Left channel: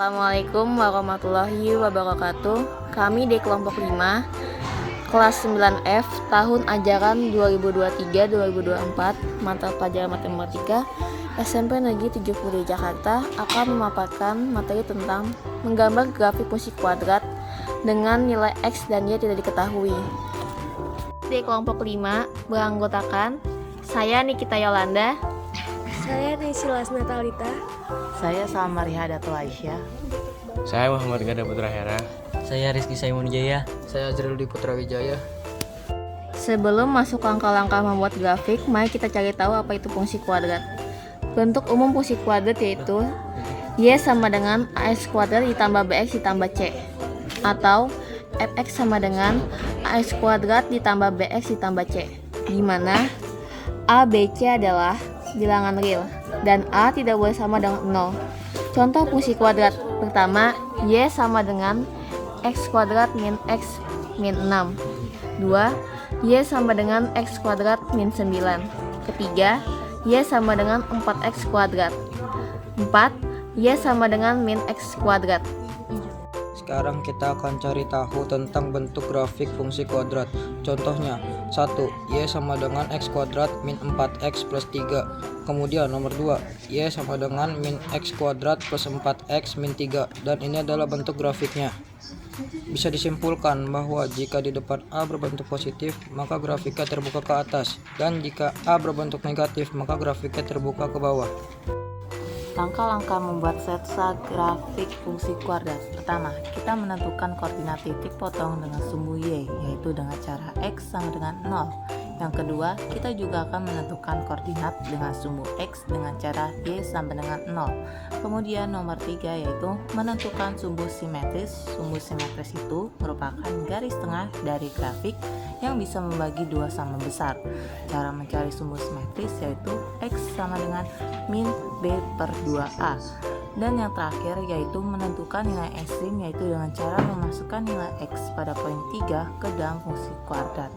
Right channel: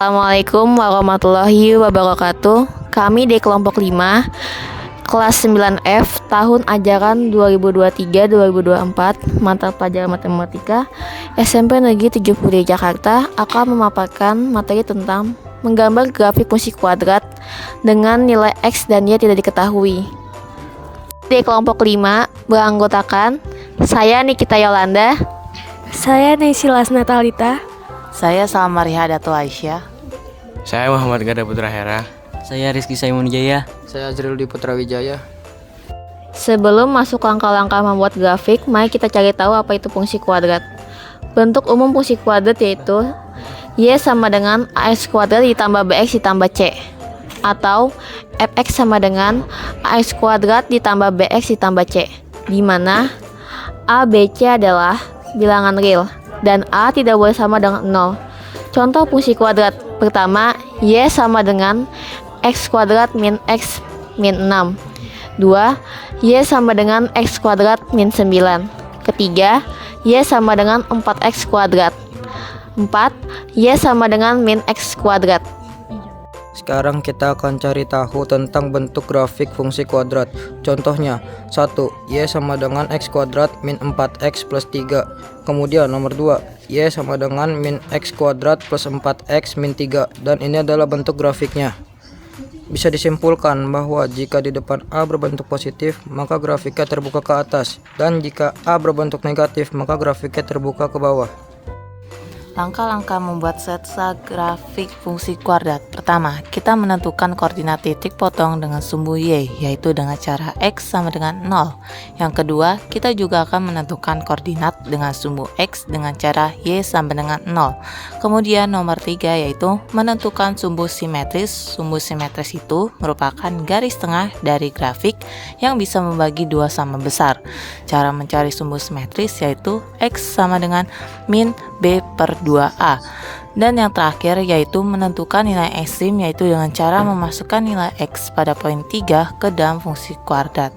Assalamualaikum warahmatullahi wabarakatuh. Kami di kelompok 5 kelas 9F tahun ajaran 2023-2024 mata pelajaran matematika SMP Negeri 70 Jakarta akan memaparkan materi tentang menggambar grafik fungsi kuadrat dengan nilai X dan Y tidak diketahui. Di kelompok 5 beranggotakan saya Nikita Yolanda, saya Naysila Natalita, saya Salmariha Datu Aisyah. Saya Muhammad Gada Putra Hera. Saya Rizky Saimunijaya. Saya Azriludi Putra Wijaya. Sebelum masuk langkah-langkah membuat grafik, mari kita cari tahu apa itu fungsi kuadrat. Bentuk umum fungsi kuadrat yaitu Y sama dengan AX kuadrat ditambah BX ditambah C, atau Fx sama dengan AX kuadrat ditambah BX ditambah C, di mana A, B, C adalah bilangan real dan A tidak boleh sama dengan 0. Contoh fungsi kuadrat pertama, Y sama dengan X kuadrat min X min 6. 2. Y sama dengan X kuadrat min 9. Ketiga, Y sama dengan 4X kuadrat. 4. Y sama dengan min X kuadrat. Sekarang kita akan cari tahu tentang bentuk grafik fungsi kuadrat. Contohnya, 1. Y sama dengan X kuadrat min 4X plus 3. Kemudian nomor 2, Y sama dengan min X kuadrat plus 4X min 3. Dan ini adalah bentuk grafiknya. Bisa disimpulkan bahwa jika di depan A berbentuk positif, maka grafiknya terbuka ke atas. Dan jika A berbentuk negatif, maka grafiknya terbuka ke bawah. Langkah-langkah membuat sketsa grafik fungsi kuadrat. Pertama, kita menentukan koordinat titik potong dengan sumbu Y, yaitu dengan cara X sama dengan 0. Yang kedua, kita juga akan menentukan koordinat dengan sumbu X dengan cara Y sama dengan 0. Kemudian nomor 3 yaitu menentukan sumbu simetris. Sumbu simetris itu merupakan garis tengah dari grafik yang bisa membagi dua sama besar. Cara mencari sumbu simetris yaitu X sama dengan min B per 2A. Dan yang terakhir yaitu menentukan nilai ekstrim, yaitu dengan cara memasukkan nilai X pada poin 3 ke dalam fungsi kuadrat.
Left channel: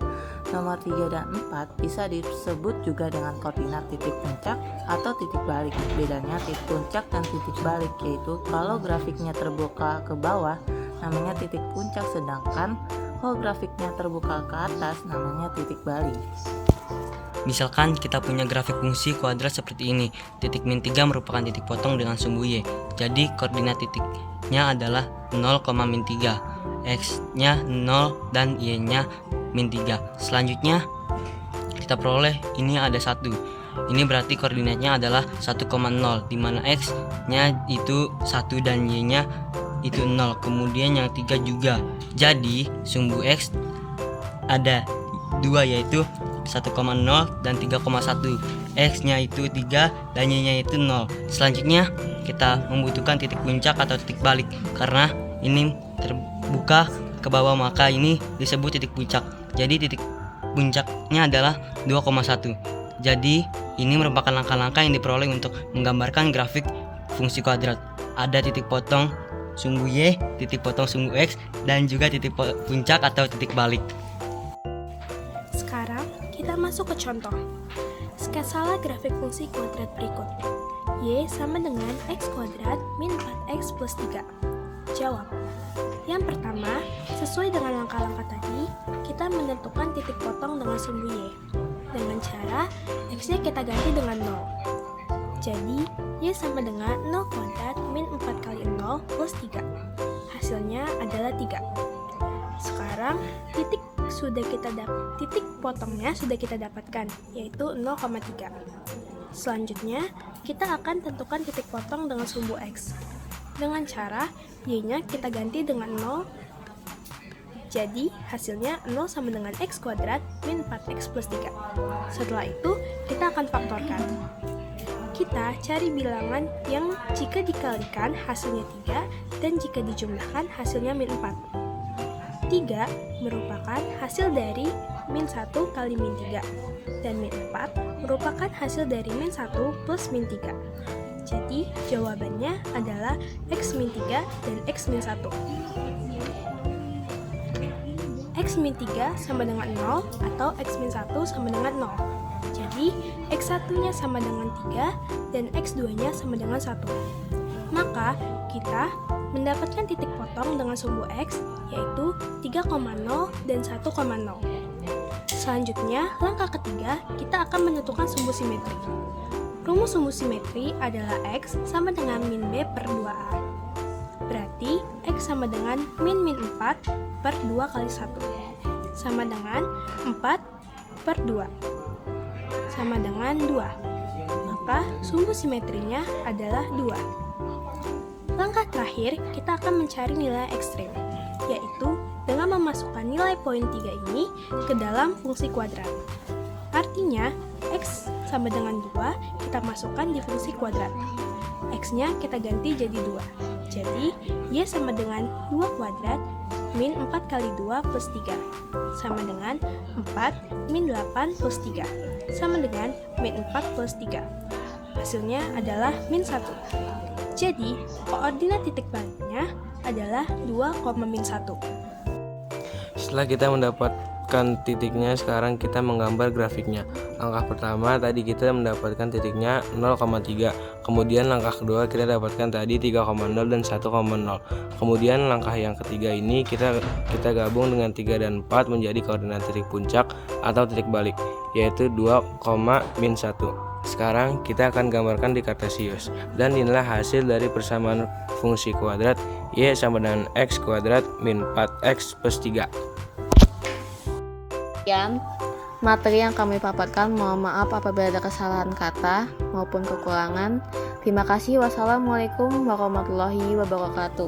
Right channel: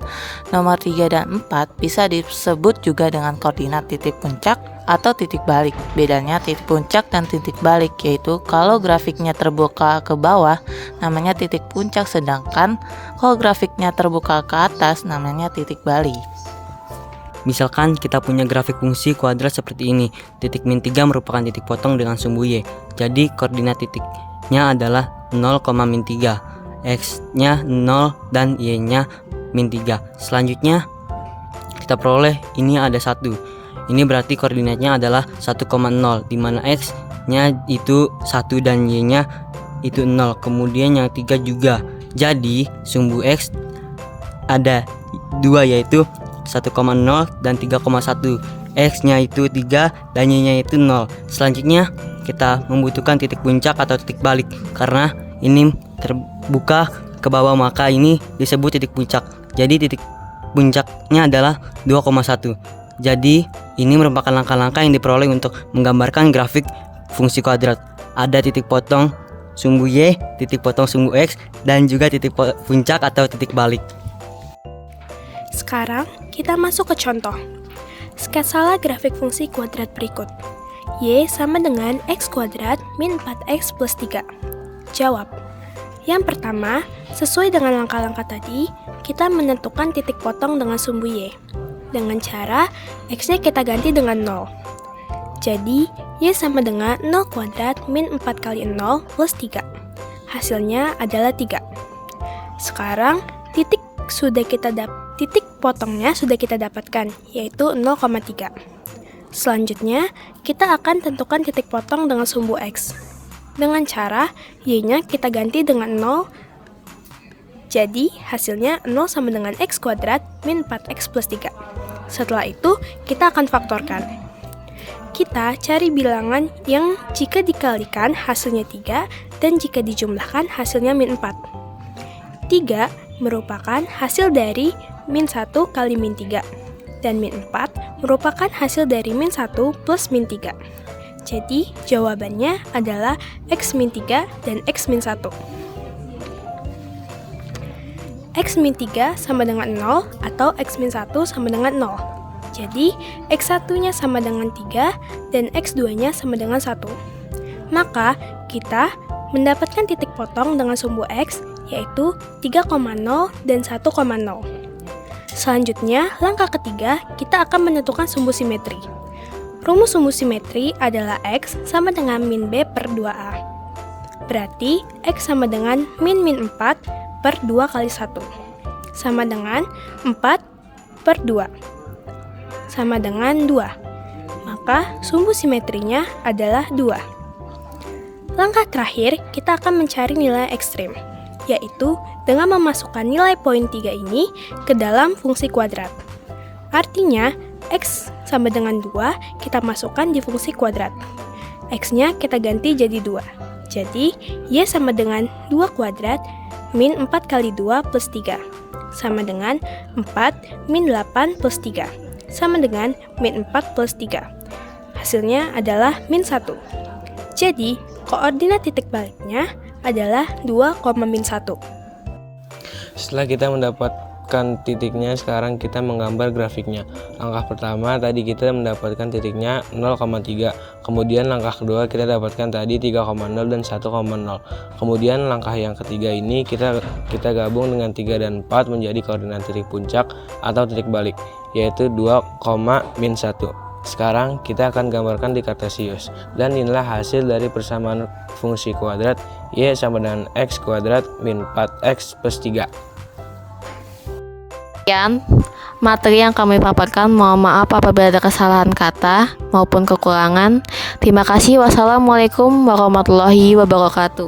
Nomor 3 dan 4 bisa disebut juga dengan koordinat titik puncak atau titik balik. Bedanya titik puncak dan titik balik yaitu kalau grafiknya terbuka ke bawah namanya titik puncak, sedangkan kalau grafiknya terbuka ke atas namanya titik balik. Misalkan kita punya grafik fungsi kuadrat seperti ini. Titik min 3 merupakan titik potong dengan sumbu Y. Jadi koordinat titiknya adalah 0, min 3. X-nya 0 dan Y-nya min 3. Selanjutnya kita peroleh ini ada 1. Ini berarti koordinatnya adalah 1,0, di mana X-nya itu 1 dan Y-nya itu 0. Kemudian yang 3 juga. Jadi sumbu X ada 2 yaitu 1,0 dan 3,1. X-nya itu 3 dan Y-nya itu 0. Selanjutnya kita membutuhkan titik puncak atau titik balik. Karena ini terbuka ke bawah maka ini disebut titik puncak. Jadi titik puncaknya adalah 2,1. Jadi ini merupakan langkah-langkah yang diperoleh untuk menggambarkan grafik fungsi kuadrat. Ada titik potong sumbu Y, titik potong sumbu X, dan juga titik puncak atau titik balik. Sekarang kita masuk ke contoh. Sketsalah grafik fungsi kuadrat berikut. Y sama dengan X kuadrat min 4X plus 3. Jawab. Yang pertama, sesuai dengan langkah-langkah tadi, kita menentukan titik potong dengan sumbu Y. Dengan cara X-nya kita ganti dengan 0. Jadi, Y sama dengan 0 kuadrat min 4 kali 0 plus 3. Hasilnya adalah 3. Sekarang, titik potongnya sudah kita dapatkan, yaitu 0,3. Selanjutnya, kita akan tentukan titik potong dengan sumbu X. Dengan cara, Y-nya kita ganti dengan 0. Jadi, hasilnya 0 sama dengan X kuadrat min 4X plus 3. Setelah itu, kita akan faktorkan. Kita cari bilangan yang jika dikalikan hasilnya 3 dan jika dijumlahkan hasilnya min 4. 3 merupakan hasil dari min 1 kali min 3 dan min 4 merupakan hasil dari min 1 plus min 3. Jadi jawabannya adalah X min 3 dan X min 1. X min 3 sama dengan 0 atau X min 1 sama dengan 0. Jadi X1 nya sama dengan 3 dan X2 nya sama dengan 1. Maka Kita mendapatkan titik potong dengan sumbu X, yaitu 3,0 dan 1,0. Selanjutnya, langkah ketiga, kita akan menentukan sumbu simetri. Rumus sumbu simetri adalah X sama dengan min B per 2A. Berarti, X sama dengan min 4 per 2 kali 1. Sama dengan 4 per 2. Sama dengan 2. Maka, sumbu simetrinya adalah 2. Langkah terakhir, kita akan mencari nilai ekstrim, yaitu dengan memasukkan nilai poin 3 ini ke dalam fungsi kuadrat. Artinya, X sama dengan 2 kita masukkan di fungsi kuadrat. X-nya kita ganti jadi 2. Jadi, Y sama dengan 2 kuadrat min 4 kali 2 plus 3. Sama dengan 4 min 8 plus 3. Sama dengan min 4 plus 3. Hasilnya adalah min 1. Jadi, koordinat titik baliknya adalah 2,-1. Setelah kita mendapatkan titiknya, sekarang kita menggambar grafiknya. Langkah pertama tadi kita mendapatkan titiknya 0,3. Kemudian langkah kedua kita dapatkan tadi 3,0 dan 1,0. Kemudian langkah yang ketiga ini kita gabung dengan 3 dan 4 menjadi koordinat titik puncak atau titik balik, yaitu 2,-1. Sekarang kita akan gambarkan di Kartesius, dan inilah hasil dari persamaan fungsi kuadrat Y sama dengan X kuadrat min 4X plus 3. Sekian materi yang kami paparkan. Mohon maaf apabila ada kesalahan kata maupun kekurangan. Terima kasih. Wassalamualaikum warahmatullahi wabarakatuh.